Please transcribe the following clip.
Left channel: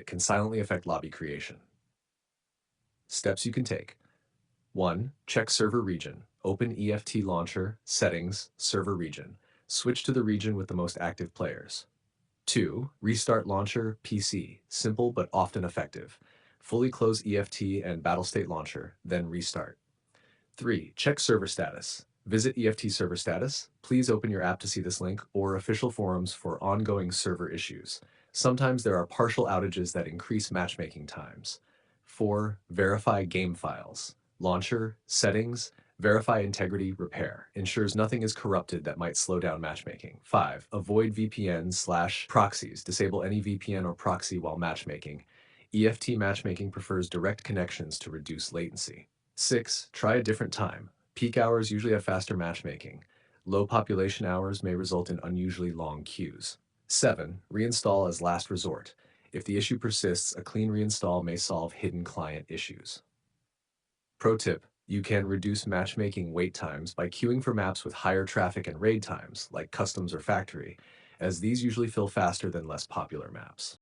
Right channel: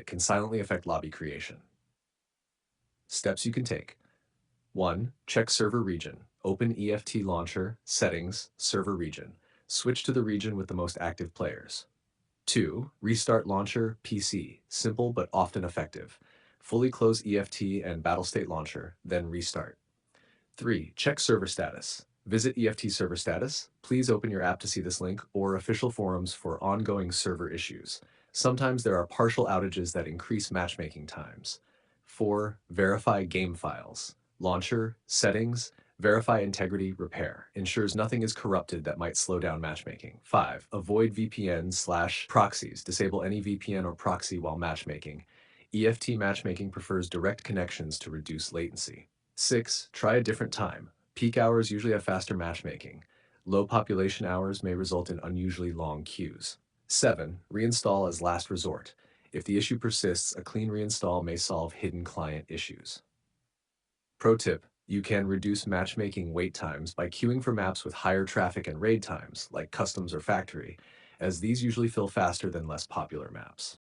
habit can silently affect lobby creation. Steps you can take. 1. Check server region. Open EFT launcher, settings, server region. Switch to the region with the most active players. 2. Restart launcher, PC. Simple but often effective. Fully close EFT and Battlestate launcher, then restart. 3. Check server status. Visit EFT server status. Please open your app to see this link or official forums for ongoing server issues. Sometimes there are partial outages that increase matchmaking times. 4. Verify game files. Launcher, settings, verify integrity, repair. Ensures nothing is corrupted that might slow down matchmaking. 5. Avoid VPN/proxies. Disable any VPN or proxy while matchmaking. EFT matchmaking prefers direct connections to reduce latency. 6. Try a different time. Peak hours usually have faster matchmaking. Low population hours may result in unusually long queues. 7. Reinstall as last resort. If the issue persists, a clean reinstall may solve hidden client issues. Pro tip: you can reduce matchmaking wait times by queuing for maps with higher traffic and raid times, like customs or factory, as these usually fill faster than less popular maps.